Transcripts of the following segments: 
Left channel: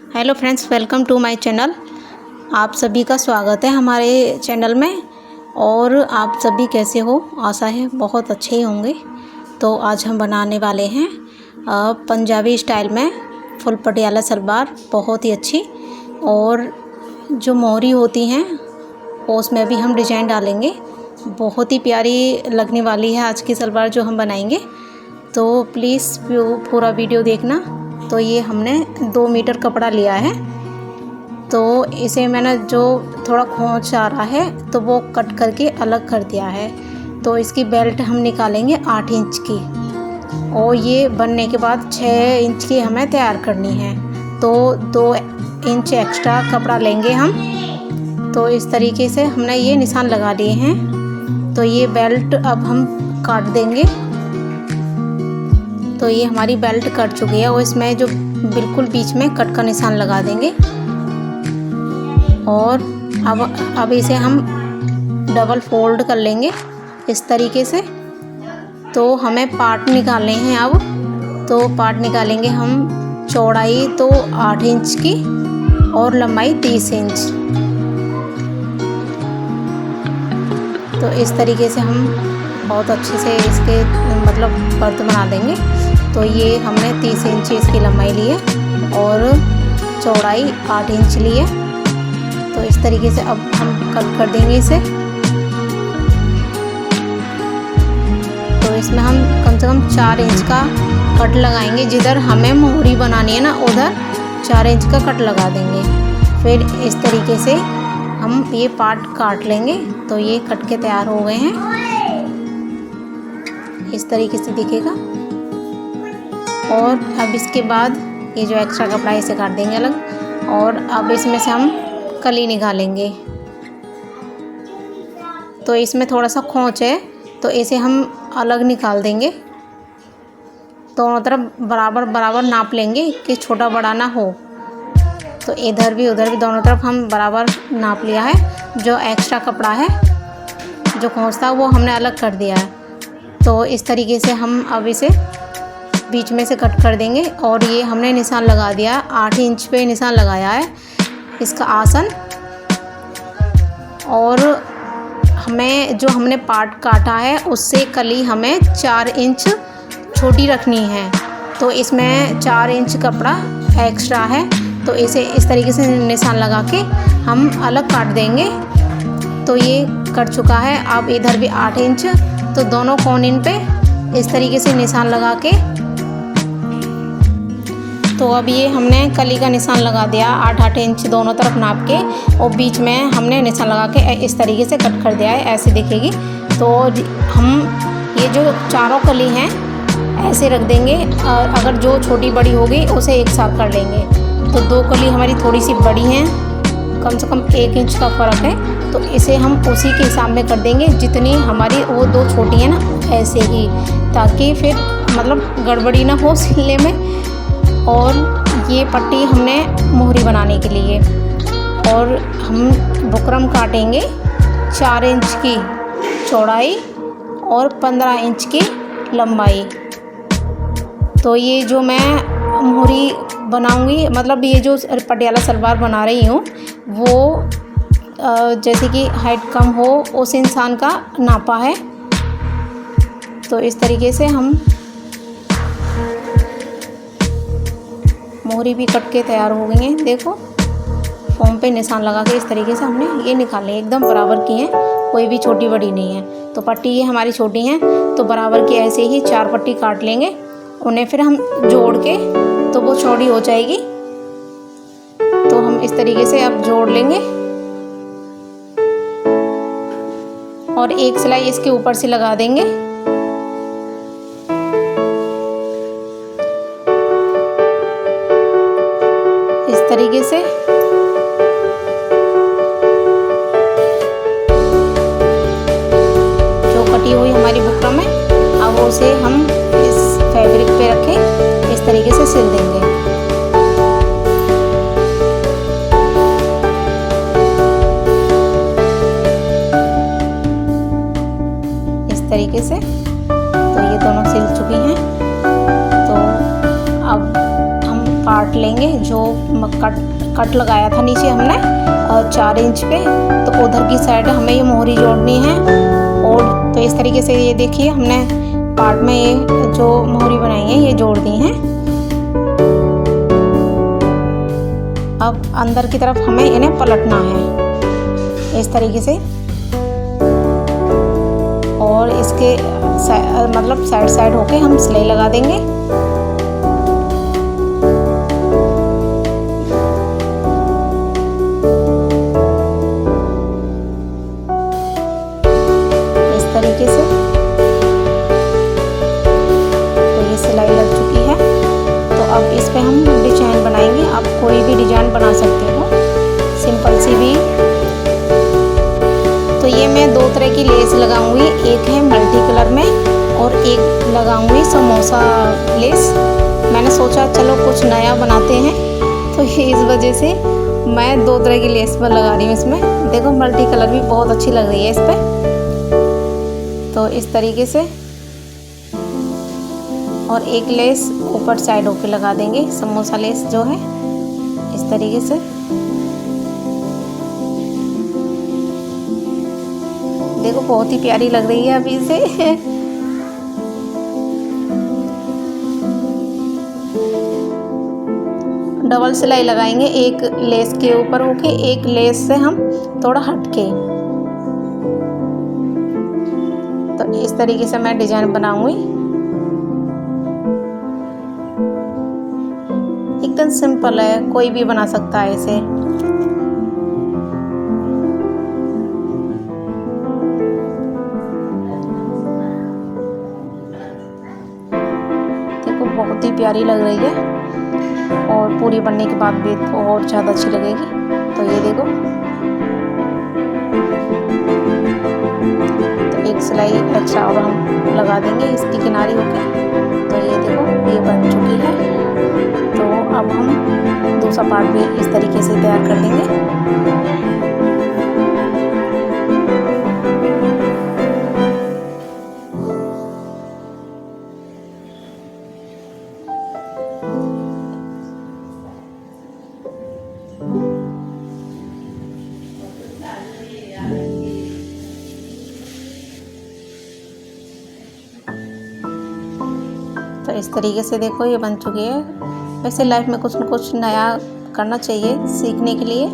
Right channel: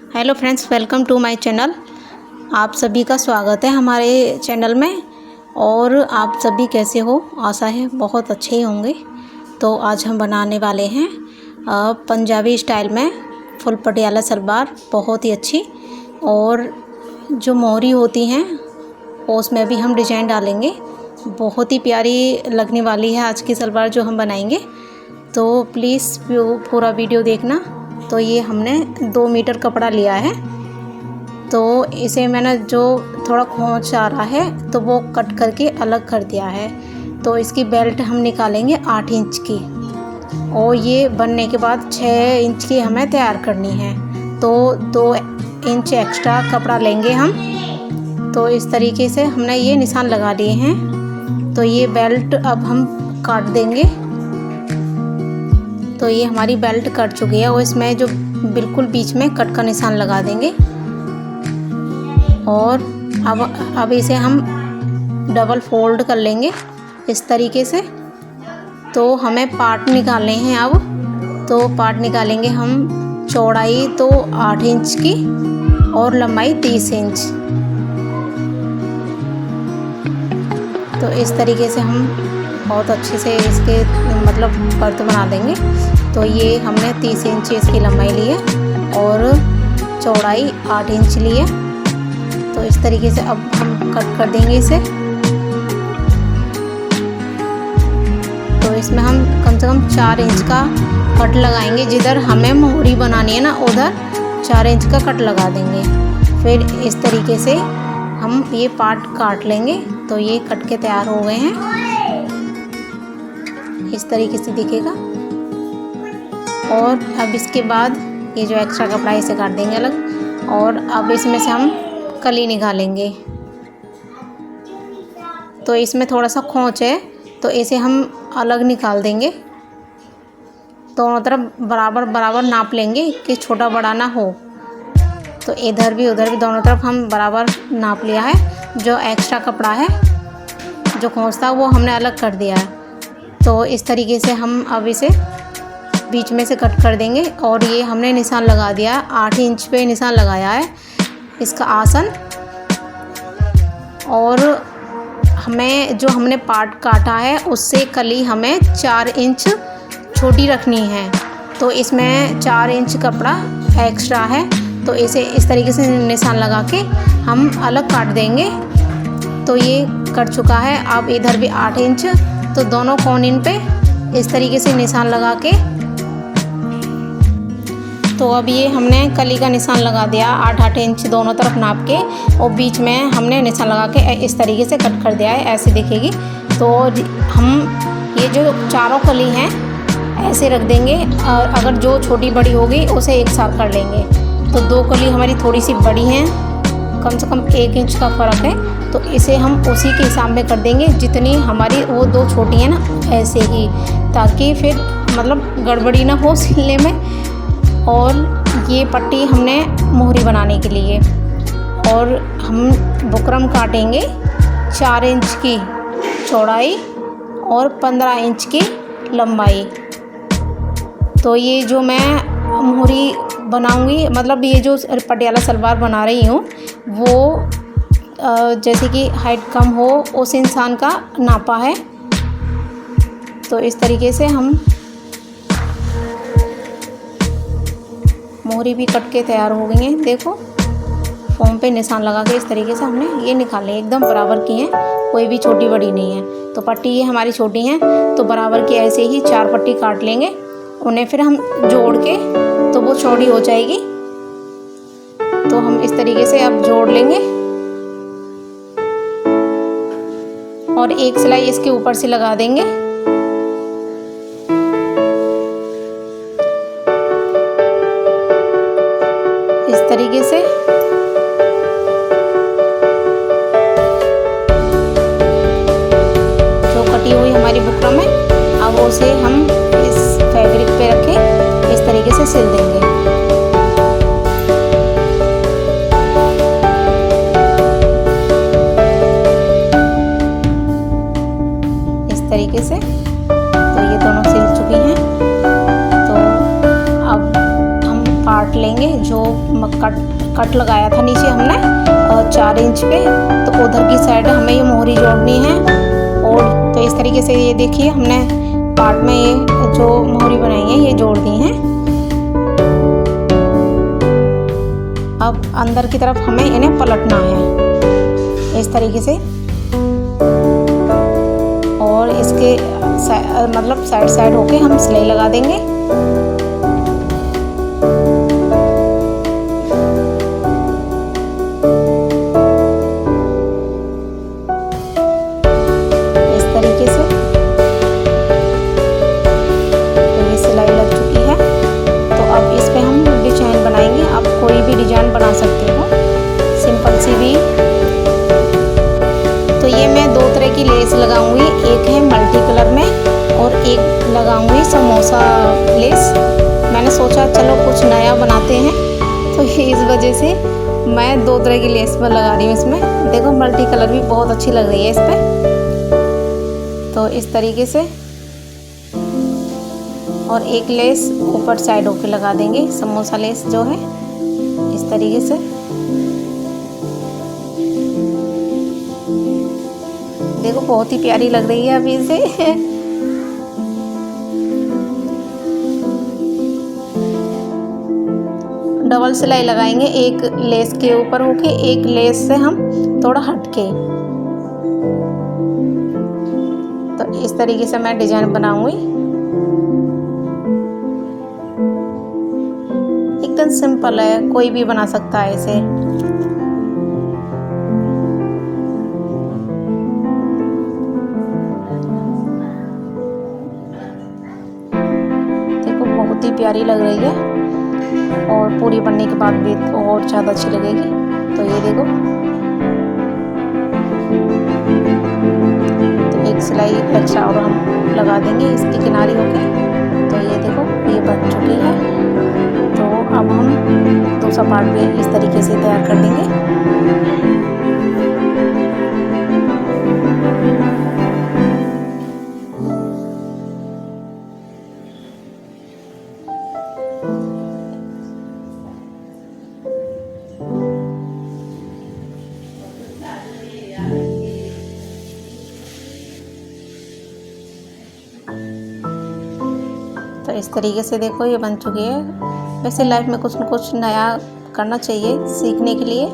Hello friends, welcome to my channel. आप सभी का स्वागत है हमारे चैनल में। और आप सभी कैसे हो? आशा है बहुत अच्छे ही होंगे। तो आज हम बनाने वाले हैं पंजाबी स्टाइल में फुल पटियाला सलवार, बहुत ही अच्छी। और जो मोहरी होती हैं उसमें भी हम डिजाइन डालेंगे। बहुत ही प्यारी लगने वाली है आज की सलवार जो हम बनाएंगे। तो प्लीज़ पूरा वीडियो देखना। तो ये हमने 2 मीटर कपड़ा लिया है। तो इसे मैंने जो थोड़ा खोंच आ रहा है तो वो कट करके अलग कर दिया है। तो इसकी बेल्ट हम निकालेंगे 8 इंच की, और ये बनने के बाद 6 इंच की हमें तैयार करनी है। तो 2 इंच एक्स्ट्रा कपड़ा लेंगे हम। तो इस तरीके से हमने ये निशान लगा लिए हैं। तो ये बेल्ट अब हम काट देंगे। तो ये हमारी बेल्ट कट चुकी है और इसमें जो बिल्कुल बीच में कट का निशान लगा देंगे। और अब इसे हम डबल फोल्ड कर लेंगे इस तरीके से। तो हमें पार्ट निकालने हैं अब। तो पार्ट निकालेंगे हम। चौड़ाई तो 8 इंच की और लंबाई 30 इंच। तो इस तरीके से हम बहुत अच्छे से इसके मतलब पर्त बना देंगे। तो ये हमने 30 इंच इसकी लंबाई ली है और चौड़ाई 8 इंच ली है। तो इस तरीके से अब हम कट कर देंगे इसे। तो इसमें हम कम से कम 4 इंच का कट लगाएंगे। जिधर हमें मोहरी बनानी है ना, उधर 4 इंच का कट लगा देंगे। फिर इस तरीके से हम ये पार्ट काट लेंगे। तो ये कट के तैयार हो गए हैं। इस तरीके से दिखेगा। और अब इसके बाद ये जो एक्स्ट्रा कपड़ा है इसे काट देंगे अलग। और अब इसमें से हम कली निकालेंगे। तो इसमें थोड़ा सा खोंच है, तो इसे हम अलग निकाल देंगे। दोनों तरफ बराबर बराबर नाप लेंगे कि छोटा बड़ा ना हो। तो इधर भी उधर भी दोनों तरफ हम बराबर नाप लिया है। जो एक्स्ट्रा कपड़ा है, जो खोंच था, वो हमने अलग कर दिया है। तो इस तरीके से हम अब इसे बीच में से कट कर देंगे। और ये हमने निशान लगा दिया, 8 इंच पे निशान लगाया है इसका आसन। और हमें जो हमने पार्ट काटा है उससे कली हमें 4 इंच छोटी रखनी है। तो इसमें 4 इंच कपड़ा एक्स्ट्रा है। तो इसे इस तरीके से निशान लगा के हम अलग काट देंगे। तो ये कट चुका है। अब इधर भी 8 इंच, तो दोनों कोने पे इस तरीके से निशान लगा के, तो अब ये हमने कली का निशान लगा दिया 8-8 इंच दोनों तरफ नाप के। और बीच में हमने निशान लगा के इस तरीके से कट कर दिया है। ऐसे दिखेगी। तो हम ये जो चारों कली हैं ऐसे रख देंगे। और अगर जो छोटी बड़ी होगी उसे एक साथ कर लेंगे। तो 2 कली हमारी थोड़ी सी बड़ी हैं, कम से कम 1 इंच का फ़र्क है। तो इसे हम उसी के हिसाब में कर देंगे जितनी हमारी वो 2 छोटी हैं ना, ऐसे ही, ताकि फिर मतलब गड़बड़ी ना हो सिलने में। और ये पट्टी हमने मोहरी बनाने के लिए। और हम बुकरम काटेंगे 4 इंच की चौड़ाई और 15 इंच की लंबाई। तो ये जो मैं मोहरी बनाऊंगी, मतलब ये जो पटियाला सलवार बना रही हूँ, वो जैसे कि हाइट कम हो उस इंसान का नापा है। तो इस तरीके से हम मोहरी भी कट के तैयार हो गई हैं। देखो, फॉर्म पे निशान लगा के इस तरीके से हमने ये निकाले, एकदम बराबर की हैं, कोई भी छोटी बड़ी नहीं है। तो पट्टी ये हमारी छोटी हैं, तो बराबर की ऐसे ही 4 पट्टी काट लेंगे। उन्हें फिर हम जोड़ के तो वो चौड़ी हो जाएगी। तो हम इस तरीके से अब जोड़ लेंगे। और एक सिलाई इसके ऊपर से लगा देंगे। इस तरीके से जो कटी हुई हमारी बुकरम है, अब उसे हम इस फैब्रिक पे रखें, इस तरीके से सिल देंगे। इस तरीके से। तो ये दोनों सिल चुकी हैं। तो अब हम काट लेंगे। जो कट लगाया था नीचे हमने 4 इंच पे, तो उधर की साइड हमें ये मोहरी जोड़नी है। और तो इस तरीके से ये देखिए हमने पार्ट में ये जो मोहरी बनाई है ये जोड़ दी हैं। अब अंदर की तरफ हमें इन्हें पलटना है इस तरीके से, और इसके मतलब साइड होके हम सिलाई लगा देंगे। इस तरीके से तो ये सिलाई लग चुकी है। तो अब इस पे हम डिजाइन बनाएंगे। आप कोई भी डिजाइन बना सकते हो, सिंपल सी भी। तो ये मैं 2 तरह की लेस लगाऊंगी, एक है मल्टी कलर में और एक लगाऊंगी समोसा लेस। मैंने सोचा चलो कुछ नया बनाते हैं, तो इस वजह से मैं 2 तरह की लेस पर लगा रही हूँ इसमें। देखो मल्टी कलर भी बहुत अच्छी लग रही है इस पर। तो इस तरीके से, और एक लेस ऊपर साइड होके लगा देंगे, समोसा लेस जो है इस तरीके से। देखो बहुत ही प्यारी लग रही है अभी से। डबल सिलाई लगाएंगे, एक लेस के ऊपर होके, एक लेस से हम थोड़ा हटके। तो इस तरीके से मैं डिजाइन बनाऊंगी। एकदम सिंपल है, कोई भी बना सकता है इसे। देखो बहुत ही प्यारी लग रही है, और पूरी बनने के बाद भी तो और ज़्यादा अच्छी लगेगी। तो ये देखो, तो एक सिलाई एक्स्ट्रा और हम लगा देंगे इसकी किनारी होके। तो ये देखो ये बन चुकी है। तो अब हम दूसरा पार्ट भी इस तरीके से तैयार कर देंगे। तो इस तरीके से देखो ये बन चुकी है। वैसे लाइफ में कुछ न कुछ नया करना चाहिए सीखने के लिए।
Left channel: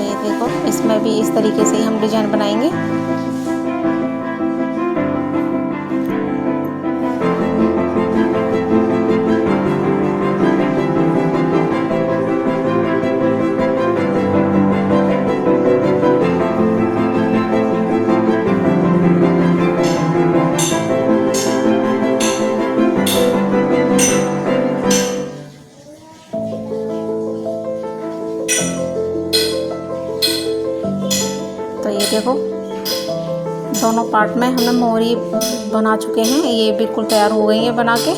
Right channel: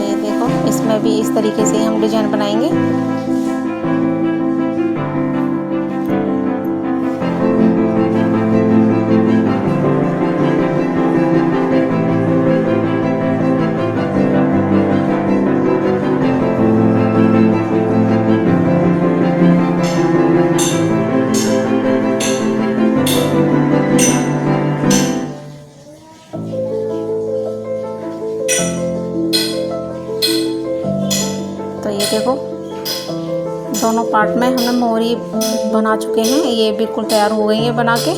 ये देखो इसमें भी इस तरीके से ही हम डिजाइन बनाएंगे। तो ये देखो दोनों पार्ट में हमने मोहरी बना चुके हैं, ये बिल्कुल तैयार हो गई है बना के।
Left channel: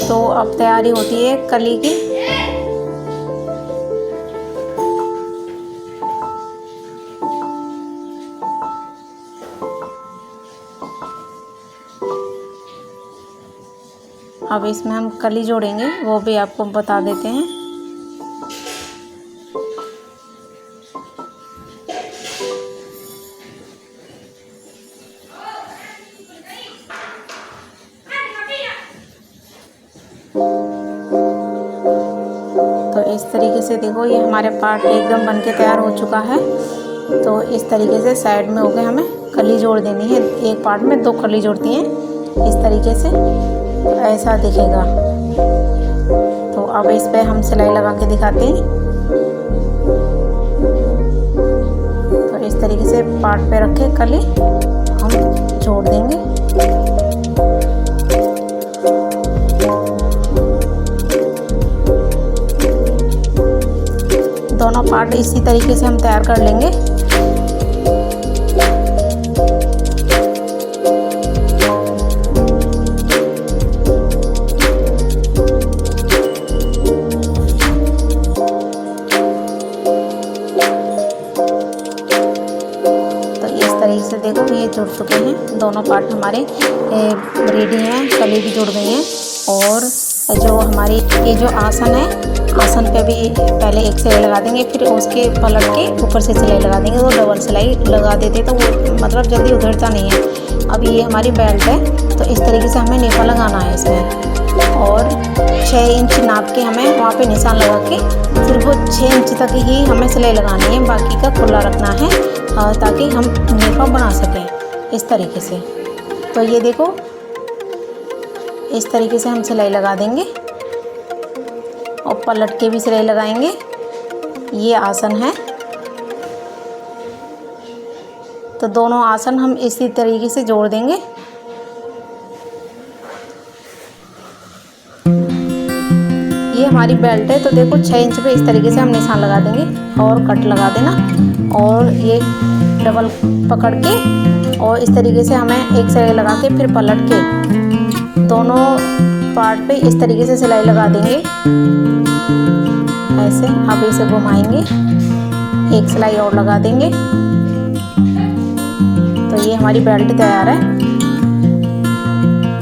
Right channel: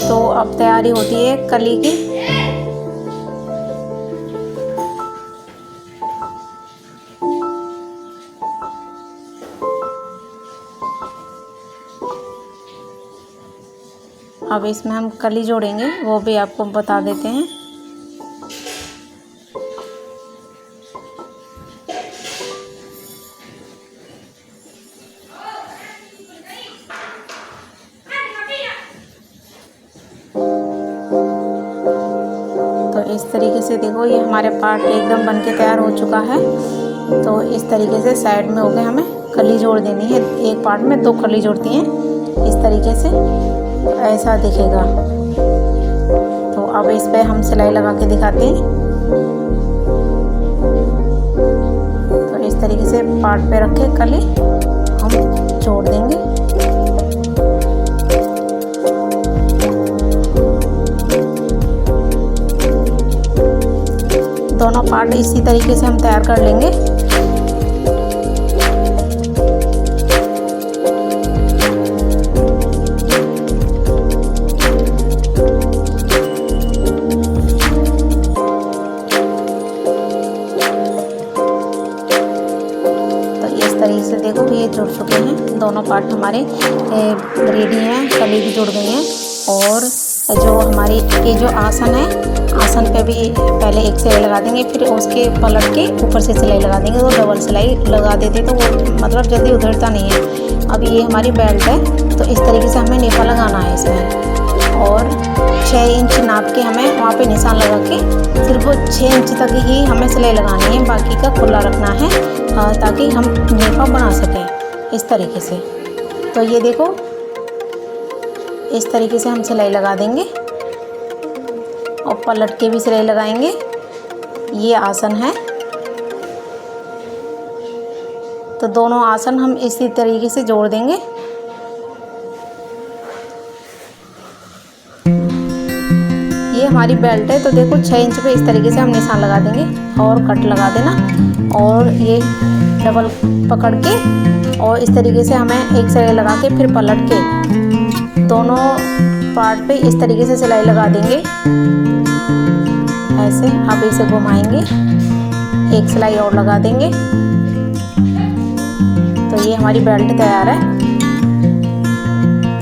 तो अब तैयारी होती है कली की। अब इसमें हम कली जोड़ेंगे, वो भी आपको बता देते हैं। तो इस तरीके से देखो ये हमारे पार्ट एकदम बनके तैयार हो चुका है। तो इस तरीके से साइड में होके हमें कली जोड़ देनी है। एक पार्ट में 2 कली जोड़ती हैं इस तरीके से, तो ऐसा दिखेगा। तो अब इस पे हम सिलाई लगा के दिखाते हैं। तो इस तरीके से पार्ट पे रख के कली हम जोड़ देंगे। दोनों पार्ट इसी तरीके से हम तैयार कर लेंगे। ये जुड़ चुके हैं, दोनों पार्ट हमारे रेडी हैं, कली भी जुड़ गई हैं। और जो हमारी ये जो आसन है, आसन पे भी पहले एक सिलाई लगा देंगे, फिर उसके पलट के ऊपर से सिलाई लगा देंगे। वो डबल सिलाई लगा देते तो वो मतलब जल्दी उधरता नहीं है। अब ये हमारी बेल्ट है, तो इस तरीके से हमें नेफा लगाना है इसमें। और 6 इंच नाप के हमें वहाँ पे निशान लगा के सिर्फ 6 इंच तक ही हमें सिलाई लगानी है, बाकी का खुला रखना है ताकि हम नेफा बना सकें इस तरीके से। तो ये देखो, इस तरीके से हम सिलाई लगा देंगे और पलट के भी सिलाई लगाएंगे। ये आसन है, तो दोनों आसन हम इसी तरीके से जोड़ देंगे। ये हमारी बेल्ट है, तो देखो 6 इंच पे इस तरीके से हम निशान लगा देंगे और कट लगा देना। और ये डबल पकड़ के और इस तरीके से हमें एक सिलाई लगा के फिर पलट के दोनों पार्ट पे इस तरीके से सिलाई लगा देंगे ऐसे। अब इसे घुमाएंगे, एक सिलाई और लगा देंगे, तो ये हमारी बेल्ट तैयार है।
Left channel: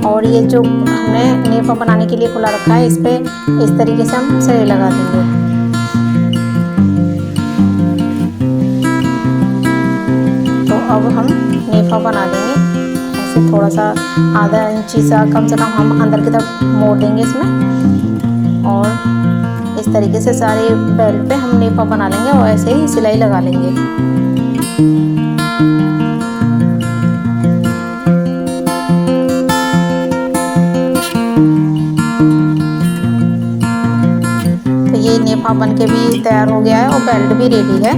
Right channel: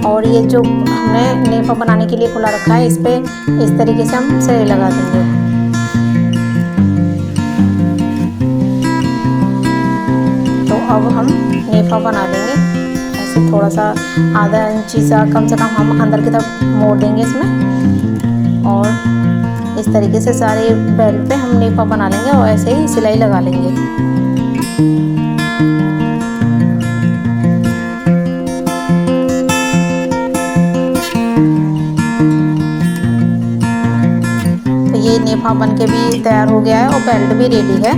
और ये जो हमने नेफा बनाने के लिए खुला रखा है, इस पे इस तरीके से हम सिलाई लगा देंगे। तो अब हम नेफा बना देंगे ऐसे, थोड़ा सा आधा इंची सा कम से कम हम अंदर की तरफ मोड़ देंगे इसमें। और इस तरीके से सारे बेल्ट पे हम नेफा बना लेंगे और ऐसे ही सिलाई लगा लेंगे। तो ये नेफा बन के भी तैयार हो गया है और बेल्ट भी रेडी है।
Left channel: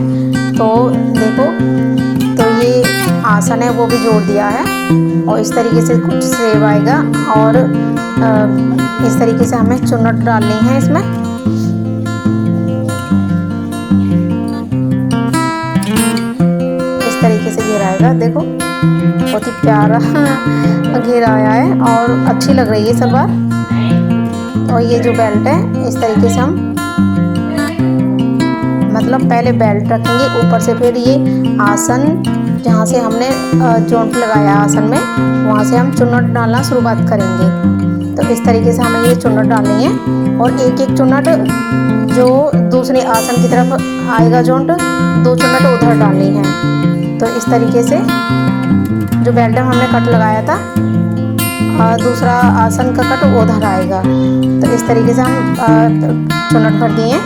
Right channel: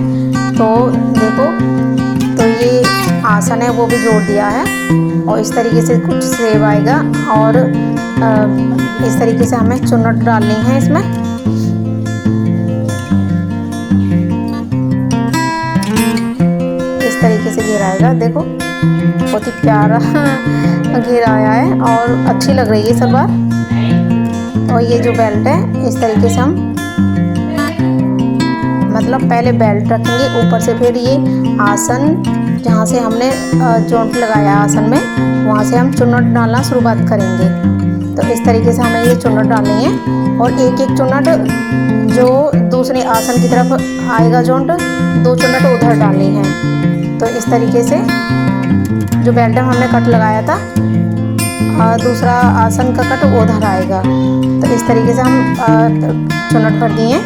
तो देखो, तो ये आसन है वो भी जोड़ दिया है और इस तरीके से कुछ सेव आएगा। और इस तरीके से हमें चुन्नट डालनी है इसमें। इस तरीके से घेरा आएगा, देखो बहुत ही प्यारा घेरा आया है और अच्छी लग रही है सलवार। और ये जो बेल्ट है, इस तरीके से हम मतलब पहले बेल्ट रखेंगे ऊपर से, फिर ये आसन जहाँ से हमने जॉइंट लगाया आसन में, वहाँ से हम चुन्नट डालना शुरुआत करेंगे। तो इस तरीके से हमें ये चुन्नट डालनी है और एक एक चुन्नट जो दूसरे आसन की तरफ आएगा जॉइंट, 2 चुन्नट उधर डालनी है। तो इस तरीके से जो बेल्ट में हमने कट लगाया था, दूसरा आसन का कट उधर आएगा। तो इस तरीके से हम चुन्नट भर दिए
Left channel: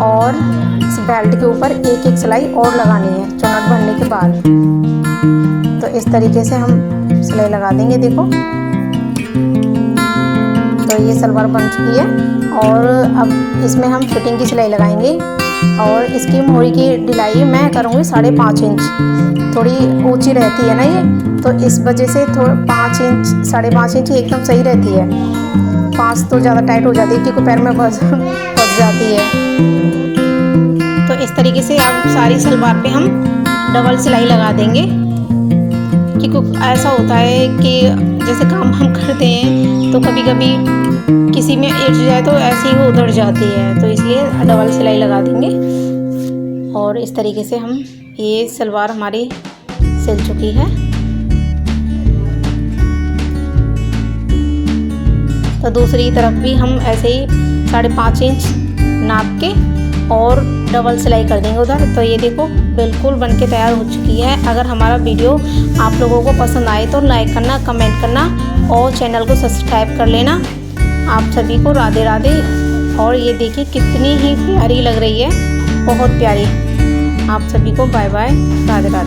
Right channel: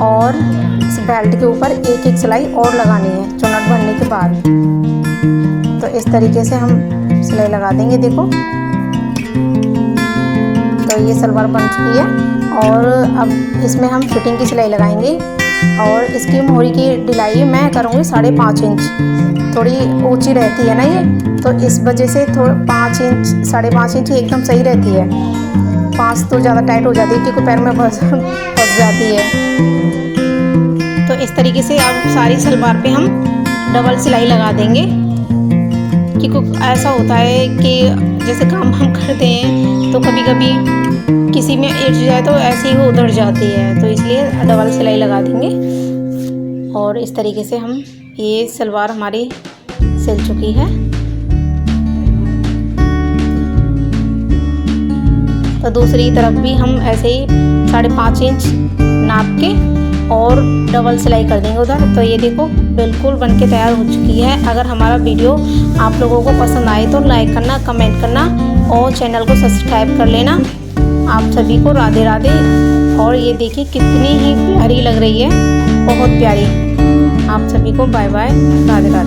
और इस बेल्ट के ऊपर एक एक सिलाई और लगानी है चुन्नट भरने के बाद। तो इस तरीके से हम सिलाई लगा देंगे, देखो। तो ये सलवार बन चुकी है और अब इसमें हम फिटिंग की सिलाई लगाएंगे। और इसकी मोहरी की ढिलाई मैं करूँगी 5.5 इंच, थोड़ी ऊंची रहती है ना ये, तो इस वजह से थोड़ा 5 इंच 5.5 इंच एकदम सही रहती है। 5 तो ज़्यादा टाइट हो जाती है क्योंकि पैर में फंस जाती है। तो इस तरीके से अब सारी सलवार पे हम डबल सिलाई लगा देंगे, क्योंकि ऐसा होता है कि जैसे काम हम करते हैं तो कभी कभी किसी में इर्ज जाए तो ऐसे ही वो उधड़ जाती है, तो इसलिए डबल सिलाई लगा देंगे। और इस तरीके से हम ये सलवार हमारी सिल चुकी है। तो दूसरी तरफ भी हम ऐसे ही 5.5 इंच नाप के और डबल सिलाई कर देंगे उधर। तो ये देखो बिल्कुल बनके तैयार हो चुकी है। अगर हमारा वीडियो आप लोगों को पसंद आए तो लाइक करना, कमेंट करना और चैनल को सब्सक्राइब कर लेना। आप सभी को राधे राधे। और ये देखिए कितनी ही प्यारी लग रही है, बहुत प्यारी। आप सभी को बाय बाय, राधे राधे।